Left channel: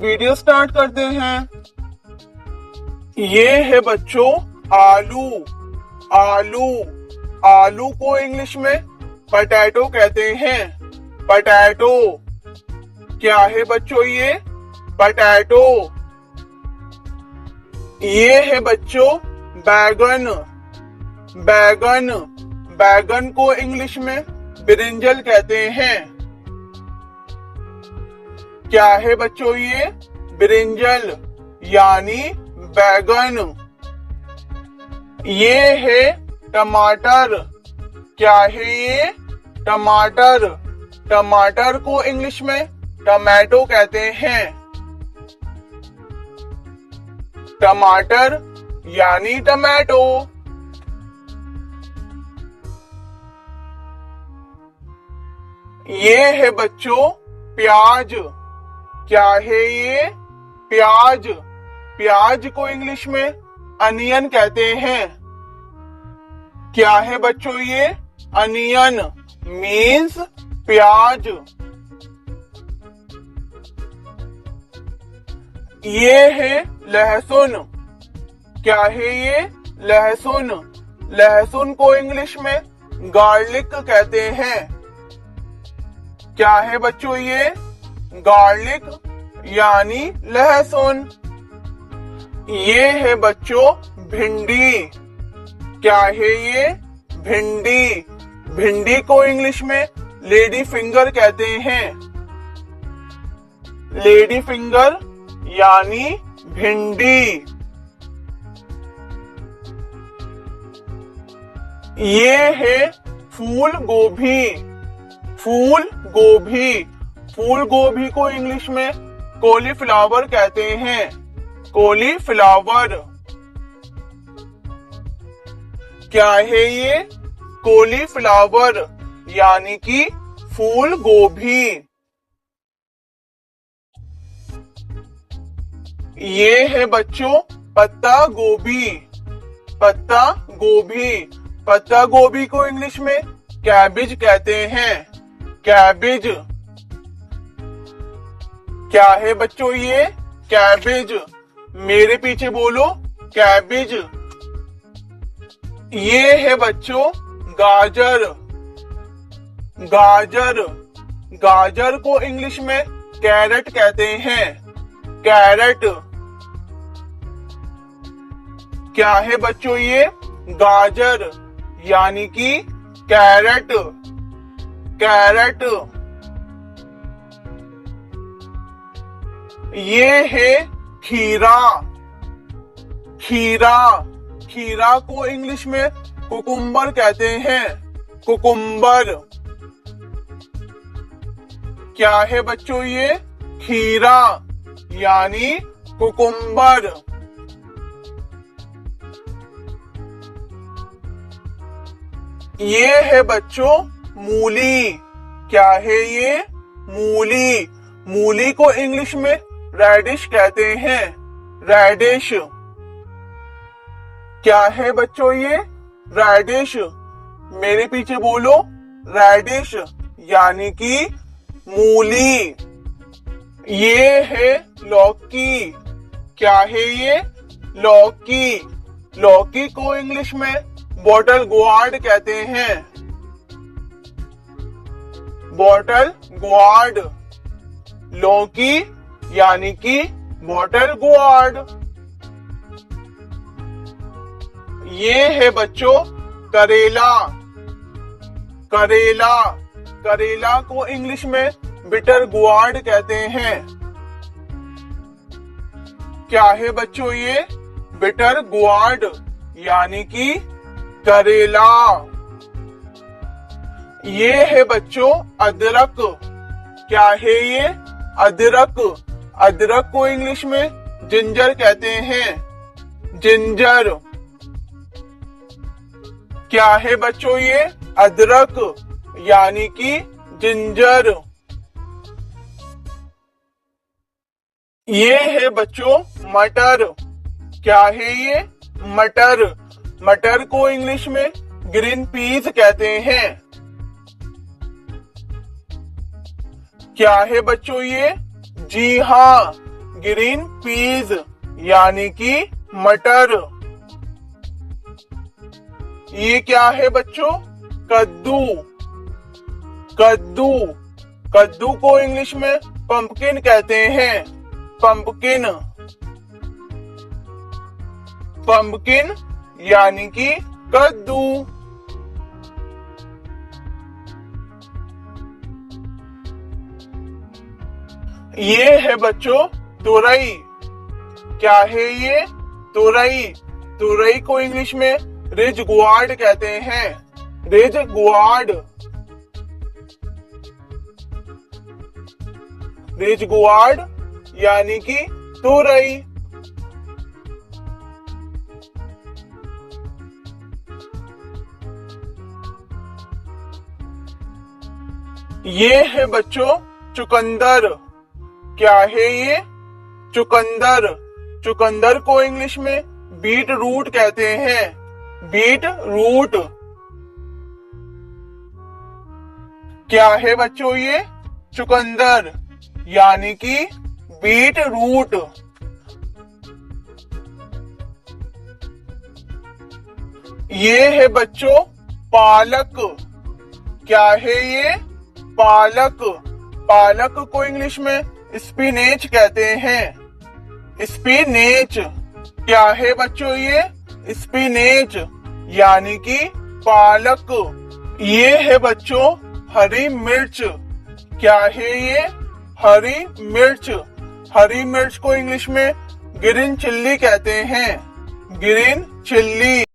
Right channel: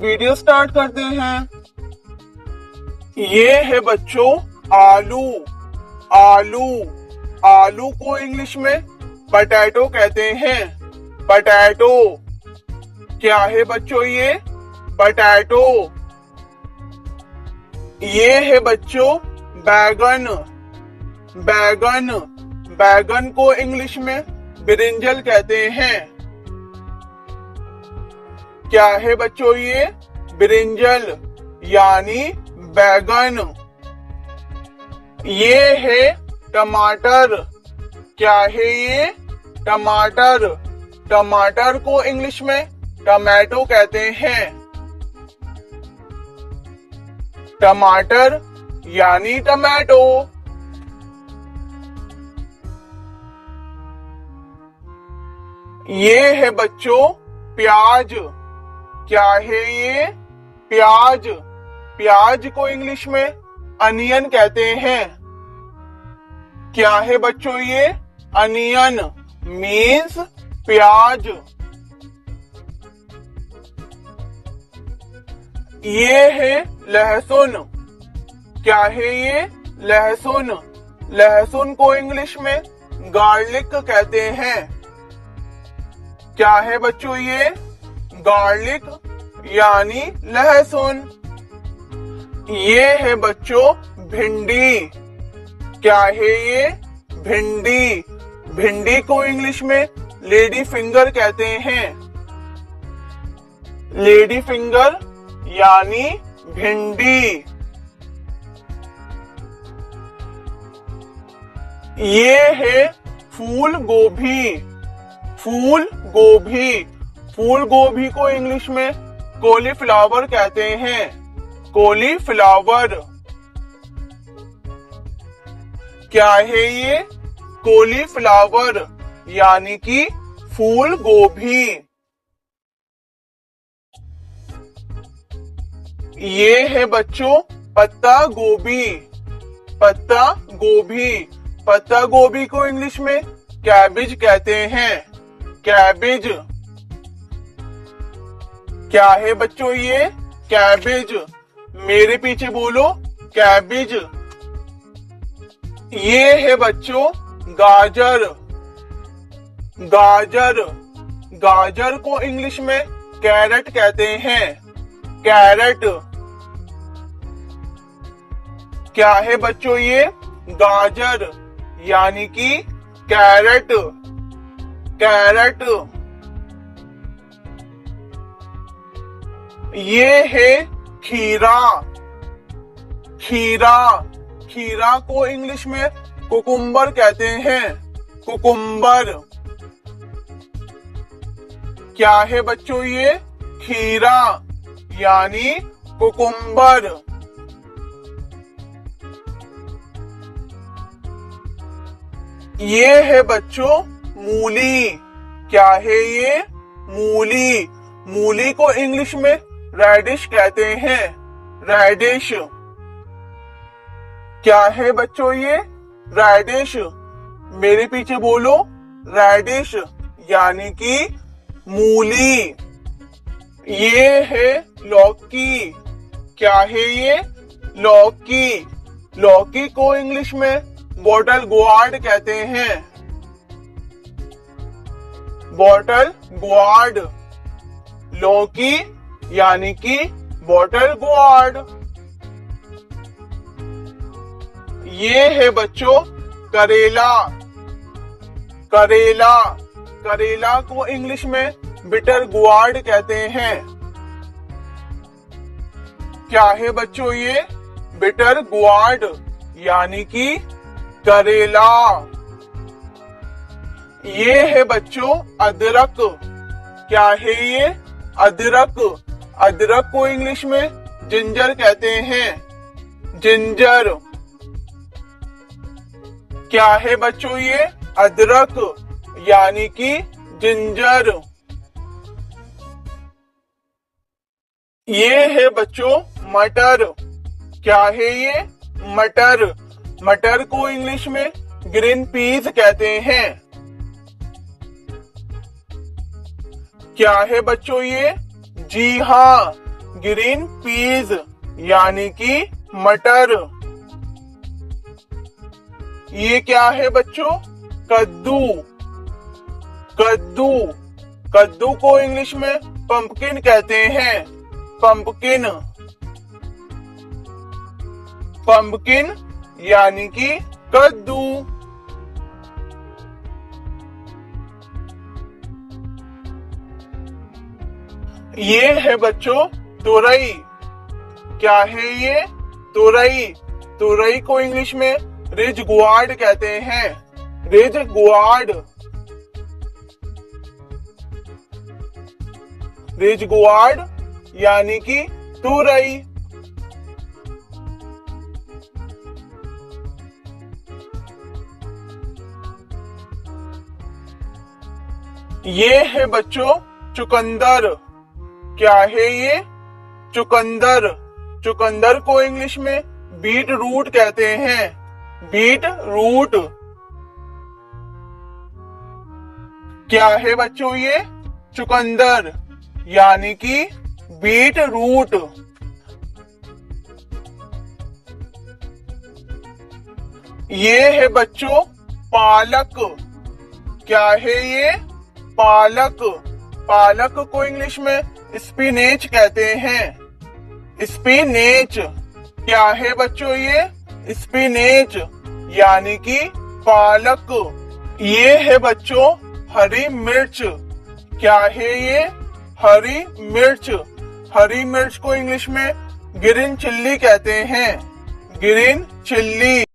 Video start करते हैं। ये है बच्चों आलू। आलू आलू को इंग्लिश में पटैटो कहते हैं। पटैटो क्या है बच्चों? ये पटैटो। ये है बच्चों बैगन। बैगन बैगन को इंग्लिश में ब्रिंजल कहते हैं। क्या है बच्चों? ये ब्रिंजल यानी बैगन। ये है टमाटर। क्या है ये? टमाटर। टमाटर को इंग्लिश में टमाटो कहते हैं। टमाटर यानी टमाटो। ये है बच्चों प्याज। क्या है ये? प्याज। प्याज को इंग्लिश में अनियन कहते हैं। क्या है बच्चों ये? अनियन मीन्स प्याज। ये है लहसुन। क्या है ये? लहसुन। लहसुन को इंग्लिश में गार्लिक कहते हैं। क्या है बच्चों ये? गार्लिक यानी लहसुन। ये है बच्चों भिंडी। क्या है ये? भिंडी। भिंडी को इंग्लिश में लेडी फिंगर कहते हैं। लेडी फिंगर यानी भिंडी। ये है फूल गोभी। फूल गोभी। फूल गोभी को इंग्लिश में कॉलीफ्लावर कहते हैं। कॉलीफ्लावर। क्या है ये? कॉलीफ्लावर यानी कि फूल गोभी। ये है बच्चों पत्ता गोभी। पत्ता गोभी। पत्ता गोभी को इंग्लिश में कैबिज कहते हैं। कैबिज। क्या है बच्चों ये? कैबिज। मेरे पीछे बोलो कैबिज। ये है बच्चों गाजर। गाजर। गाजर को इंग्लिश में कैरेट कहते हैं। कैरेट। क्या है बच्चों ये? गाजर यानी कि कैरेट। कैरेट। ये है खीरा। खीरा। खीरा को इंग्लिश में कुकुम्बर कहते हैं। कुकुम्बर। क्या है बच्चों ये? खीरा यानी कुकुम्बर। ये है बच्चों मूली। क्या है ये? मूली। मूली को इंग्लिश में रेडिश कहते हैं। रेडिश। क्या है बच्चों ये? रेडिश। मेरे पीछे बोलो रेडिश यानी कि मूली। ये है लौकी। क्या है ये? लौकी। लौकी को इंग्लिश में बॉटल गोर्ड कहते हैं। Bottle gourd. लौकी यानी कि बॉटल गोर्ड। ये है बच्चों करेला। करेला। करेला को इंग्लिश में बिटर गोर्ड कहते हैं। क्या है बच्चों ये? बिटर गोर्ड यानी कि करेला। ये है बच्चों अदरक। क्या है ये? अदरक। अदरक को इंग्लिश में जिंजर कहते हैं। जिंजर। क्या है बच्चों ये? अदरक यानी कि जिंजर। ये है बच्चों मटर। क्या है ये? मटर। मटर को इंग्लिश में ग्रीन पीस कहते हैं। क्या है बच्चों ये? जी हाँ, ग्रीन पीज यानी कि मटर। ये क्या है बच्चों? कद्दू। कद्दू, कद्दू को इंग्लिश में पंपकिन कहते हैं। पंपकिन, पंपकिन यानी कि कद्दू। ये है बच्चों तुरई। क्या है ये? तुरई। तुरई को इंग्लिश में रिजगुआर्ड कहते हैं। रिजगुआर्ड, रिजगुआर्ड यानी कि तुरई। ये है बच्चों चुकंदर। क्या है ये? चुकंदर। चुकंदर को इंग्लिश में बीट रूट कहते हैं। Beetroot. क्या है बच्चों ये? चुकंदर यानी कि बीट रूट। ये है बच्चों पालक। क्या है ये? पालक। पालक को इंग्लिश में स्पिनेच कहते हैं। स्पिनेच। क्या है बच्चों ये? स्पिनेच यानी कि पालक। ये है बच्चों हरी मिर्च। क्या है ये? हरी मिर्च। हरी मिर्च को इंग्लिश में ग्रीन चिल्ली कहते हैं। Green chilli.